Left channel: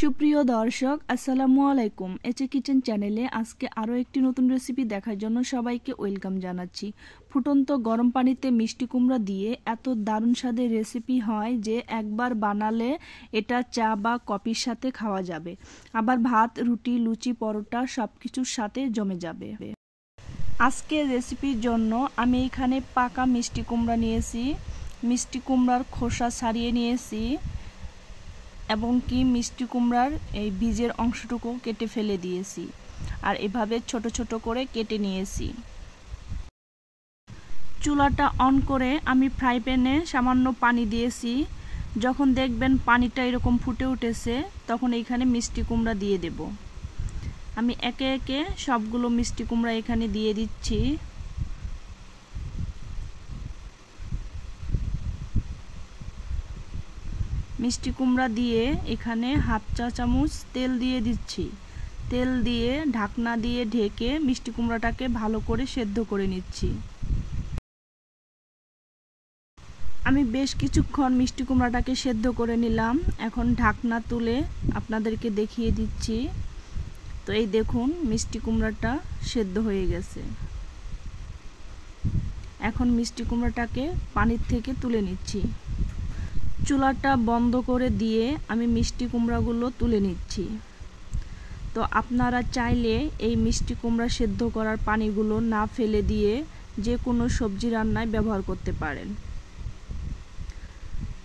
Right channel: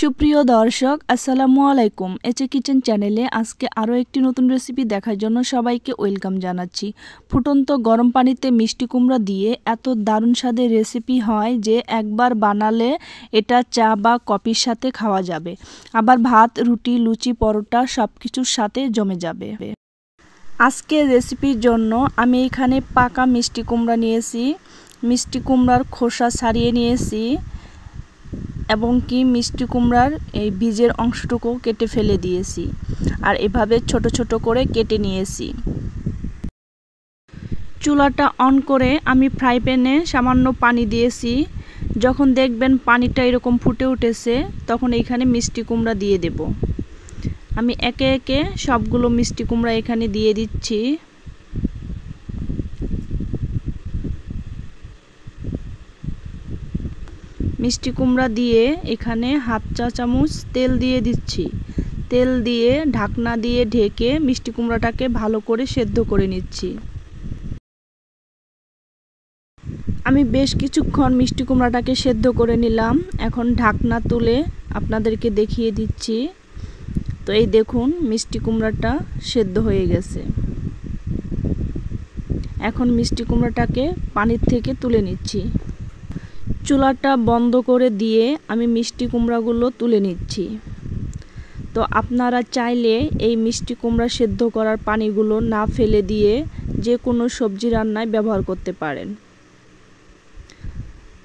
সুপ্রিয় দর্শক আসসালামু আলাইকুম। এচে কিচেন চ্যানেলে আজকে আরও একটি নতুন রেসিপি দেখার জন্য সবাইকে ওয়েলকাম জানাচ্ছি। ফুটন্ত গরম পানিতে মিষ্টি কুমড়া দিয়ে এত দারুণ স্বাদের রেসিপি হয় যে একবার বানালে এটা চা বা কফির সাথে খাওয়া যাবে, আবার ভাত, রুটি, লুচি, পরোটা সব কিছুর সাথে জমে যাবে। আজকের রেসিপির জন্য আমি এখানে পাকা মিষ্টি কুমড়া নিয়েছি। মিষ্টি কুমড়ার খোসা ছাড়িয়ে নিয়েছি এবং কি মিষ্টি কুমড়ার এই বীজের অংশটুকু কেটে ফেলে দিয়েছি আর এভাবে ছোট ছোট করে কেটে নিয়েছি। চুলাটা অন করে আমি ফ্রাই প্যানে সামান্য পানি দিয়েছি। যখন দেখবেন পানিটা এরকম ফুটে উঠেছে তখন এখানে মিষ্টি কুমড়া দিয়ে দেব। আমি একে একে সবগুলো মিষ্টি কুমড়া এখানে দিয়ে দিচ্ছি। মিষ্টি কুমড়া দিয়ে এখানে হাফ চা চামচ তেল দিয়ে দিচ্ছি। তেল দিয়ে ঢাকনা দিয়ে ঢেকে মিষ্টি কুমড়াটাকে ভালো করে সেদ্ধ করে নিচ্ছি। আমি বেশ কিছুক্ষণ মিষ্টি কুমড়াটাকে সেদ্ধ করে নিলাম। এখন ঢাকনা তুলে আপনাদেরকে দেখিয়ে দিচ্ছি। তো এই দেখুন মিষ্টি কুমড়াটা সেদ্ধ হয়ে গেছে। এখন মিষ্টি কুমড়াটাকে পানির থেকে তুলে নিচ্ছি। চুলাটা বন্ধ করে দিয়ে আমি মিষ্টি কুমড়াগুলো তুলে নিচ্ছি। তো আপনারা চাইলে এই মিষ্টি কুমড়া সেদ্ধ করার পানিগুলো না ফেলে দিয়ে যে কোনো সবজি রান্নায় ব্যবহার করতে পারেন।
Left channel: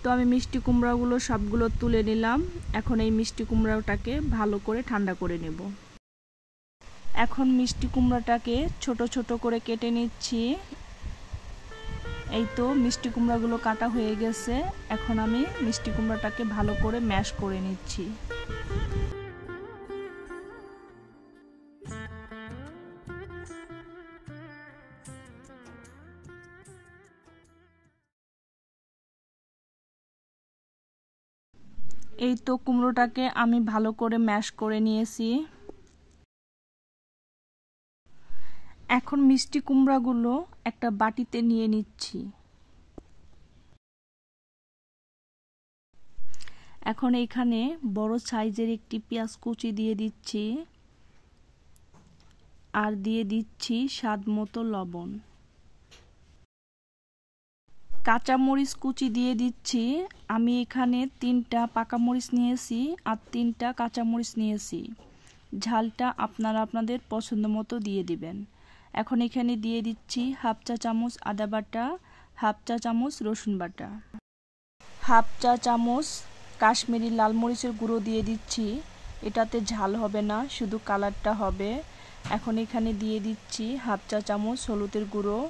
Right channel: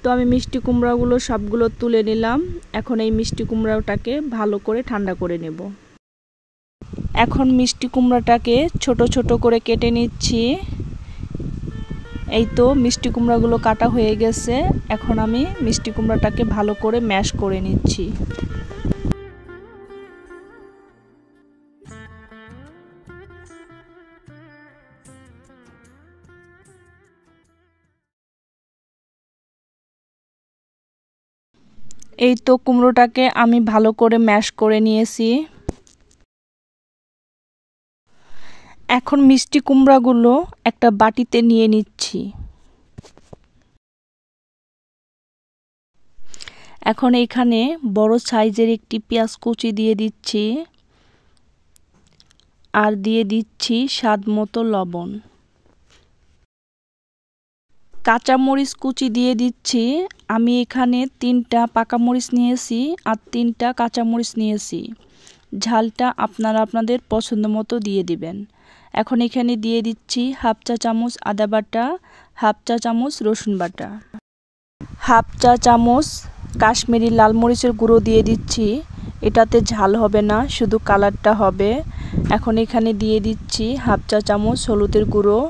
তো আমি মিষ্টি কুমড়াগুলো সবগুলো তুলে নিলাম। এখন এই মিষ্টি কুমড়াটাকে ভালো করে ঠান্ডা করে নেব। এখন মিষ্টি কুমড়াটাকে ছোট ছোট করে কেটে নিচ্ছি। এই তো মিষ্টি কুমড়াগুলো কাটা হয়ে গেছে। এখন আমি মিষ্টি কুমড়াটাকে ভালো করে ম্যাশ করে নিচ্ছি। এই তো কুমড়োটাকে আমি ভালো করে ম্যাশ করে নিয়েছি। এখন মিষ্টি কুমড়াগুলো একটা বাটিতে নিয়ে নিচ্ছি। এখন এখানে বড় সাইজের একটি পেঁয়াজ কুচি দিয়ে দিচ্ছি আর দিয়ে দিচ্ছি স্বাদ মতো লবণ। কাঁচামরিচ কুচি দিয়ে দিচ্ছি। আমি এখানে 3টা পাকা মরিচ নিয়েছি আর 3টা কাঁচামরিচ নিয়েছি। ঝালটা আপনারা আপনাদের পছন্দ মতো দিয়ে দিবেন। এখন এখানে দিয়ে দিচ্ছি হাফ চা চামচ আদা বাটা, হাফ চা চামচ রসুন বাটা, হাফ চা চামচ কাশ্মীরি লাল মরিচের গুঁড়ো দিয়ে দিচ্ছি। এটাতে ঝাল হবে না, শুধু কালারটা হবে। এখন এখানে দিয়ে দিচ্ছি হাফ চা চামচ হলুদের গুঁড়ো,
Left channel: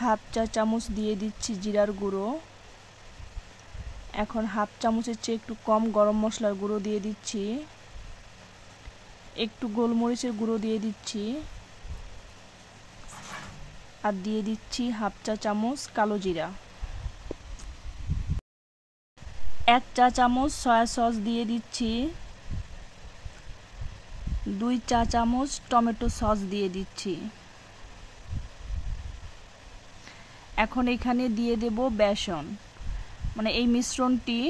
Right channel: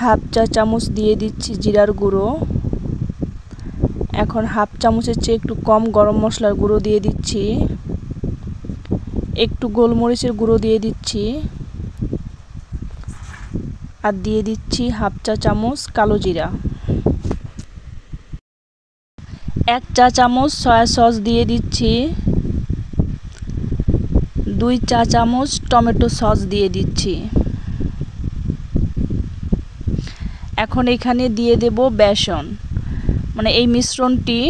হাফ চা চামচ দিয়ে দিচ্ছি জিরার গুঁড়ো। এখন হাফ চামচের চেয়ে একটু কম গরম মশলার গুঁড়ো দিয়ে দিচ্ছি। একটু গোলমরিচের গুঁড়ো দিয়ে দিচ্ছি আর দিয়ে দিচ্ছি হাফ চা চামচ কালো জিরা। 1 চা চামচ সয়া সস দিয়ে দিচ্ছি। 2 চা চামচ টমেটো সস দিয়ে দিচ্ছি। এখন এখানে দিয়ে দেব বেসন। মানে এই মিশ্রণটি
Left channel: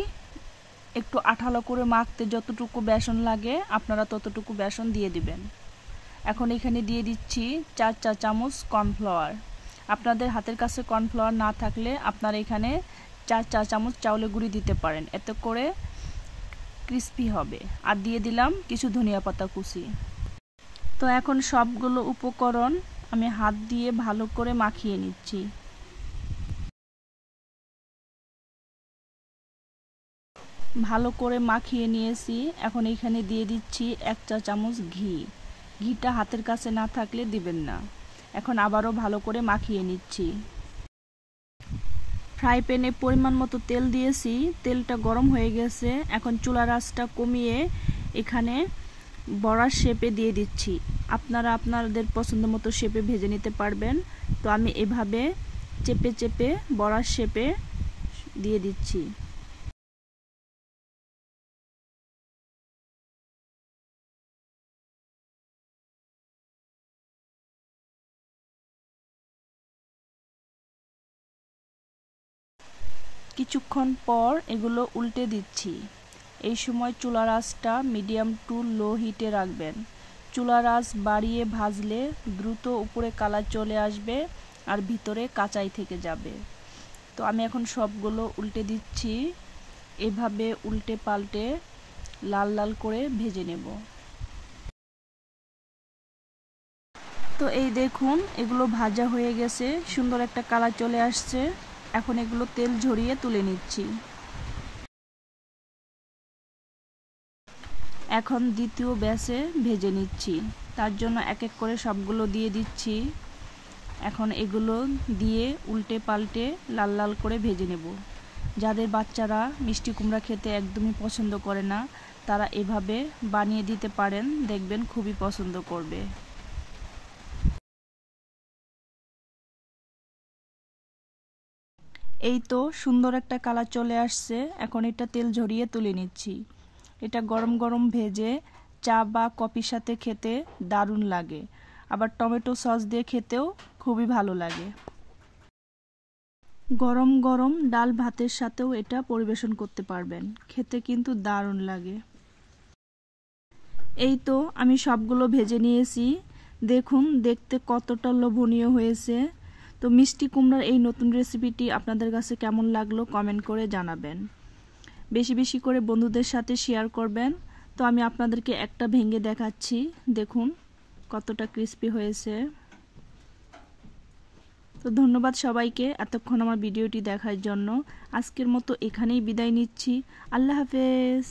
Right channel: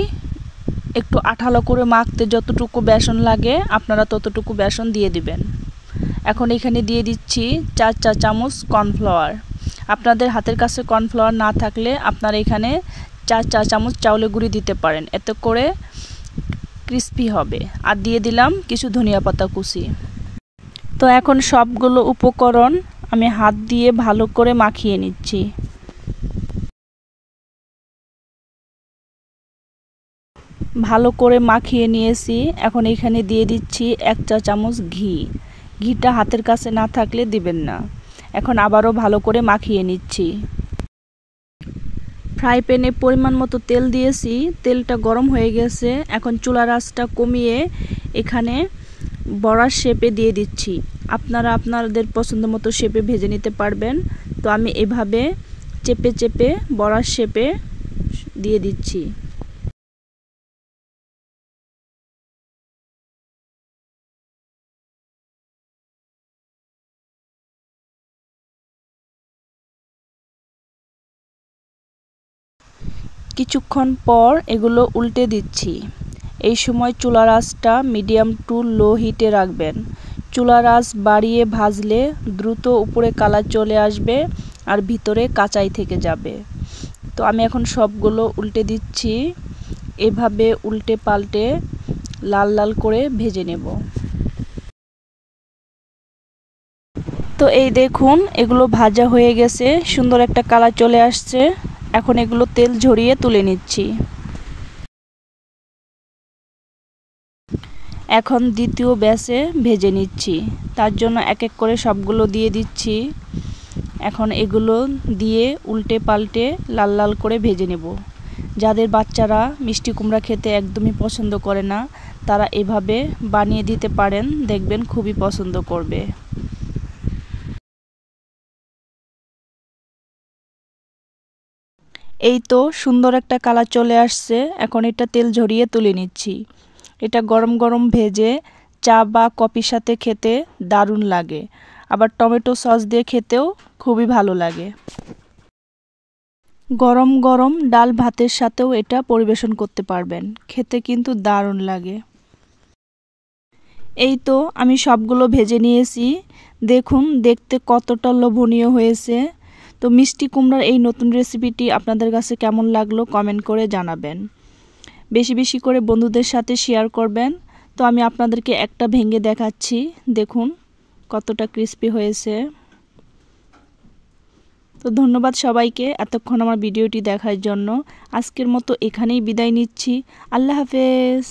একটু আঠালো করে মাখতে যতটুকু বেসন লাগে আপনারা ততটুকু বেসন দিয়ে দিবেন। এখন এখানে দিয়ে দিচ্ছি 4 চা চামচ কর্নফ্লাওয়ার। আপনাদের হাতের কাছে কর্নফ্লাওয়ার না থাকলে আপনারা এখানে 4 চা চামচ চাউলের গুঁড়ি দিতে পারেন, এতে করে ক্রিস্পি হবে। আর দিয়ে দিলাম কিছু ধনিয়া পাতা কুচি। তো এখন সবগুলো উপকরণ আমি হাত দিয়ে ভালো করে মাখিয়ে নিচ্ছি। ভালো করে মাখিয়ে নিয়েছি। এখন এখানে দিয়ে দিচ্ছি 1 চা চামচ ঘি। ঘিটা হাতের কাছে না থাকলে দিবেন না। এখন আবারও ভালো করে মাখিয়ে নিচ্ছি। ফ্রাই প্যানে পরিমাণ মতো তেল দিয়েছি। তেলটা গরম হয়ে গেছে। এখন চুলার আঁচটা কমিয়ে এখানে বড়ার শেপে দিয়ে দিচ্ছি। আপনারা আপনাদের পছন্দ মতো শেপে ভেজে নিতে পারবেন। তো আমি এভাবে চেপে চেপে বড়ার শেপে দিয়ে দিচ্ছি। কিছুক্ষণ পর এগুলো উল্টে দিচ্ছি। এই সময় চুলার আঁচটা মিডিয়াম টু লো হিটে রাখবেন। চুলার আঁচ বাড়িয়ে ভাজলে দ্রুত উপরে কালার চলে আসবে আর ভিতরে কাঁচাই থেকে যাবে। তো আমি এখন সবগুলো উল্টে দিচ্ছি। এভাবে উল্টে পাল্টে লাল লাল করে ভেজে নেব। তো এই দেখুন এগুলো ভাজা হয়ে গেছে, সুন্দর একটা কালার চলে আসছে। এখন এগুলো তেল ঝরিয়ে তুলে নিচ্ছি। এখন দ্বিতীয় ব্যাচে ভেজে নিচ্ছি, তার জন্য এক এক করে সবগুলো দিয়ে দিচ্ছি। এখন এগুলো দিয়ে উল্টে পাল্টে লাল লাল করে ভেজে নেব। যাদের বাচ্চারা মিষ্টি কুমড়া খেতে একদমই পছন্দ করে না, তারা এভাবে বানিয়ে দিতে পারেন, দেখবেন খুবই পছন্দ করবে। এই তো সুন্দর একটা কালার চলে আসছে। এখন এটা তেল ঝরিয়ে তুলে নিচ্ছি। এটা গরম গরম ভেজে চা বা কফির সাথে খেতে দারুণ লাগে, আবার টমেটো সস দিয়ে খেতেও খুবই ভালো লাগে। গরম গরম ডাল ভাতের সাথেও এটা পরিবেশন করতে পারবেন, খেতে কিন্তু দারুণ লাগে। এই তো আমি সবগুলো ভেজে নিয়েছি, দেখুন দেখতে কতটা লোভনীয় হয়েছে। তো মিষ্টি কুমড়ার এই নতুন রেসিপিটি আপনাদের কাছে কেমন লাগলো কমেন্ট করে জানাবেন। বেশি বেশি করে বন্ধুদের সাথে শেয়ার করবেন। তো আমি আপনাদেরকে একটা ভেঙে দেখাচ্ছি, দেখুন কতটা ক্রিস্পি হয়েছে। তো ধন্যবাদ সবাইকে এতক্ষণ আমার ভিডিওটি দেখার জন্য। আজকের মতো এখানেই বিদায় নিচ্ছি। আল্লাহ হাফেজ।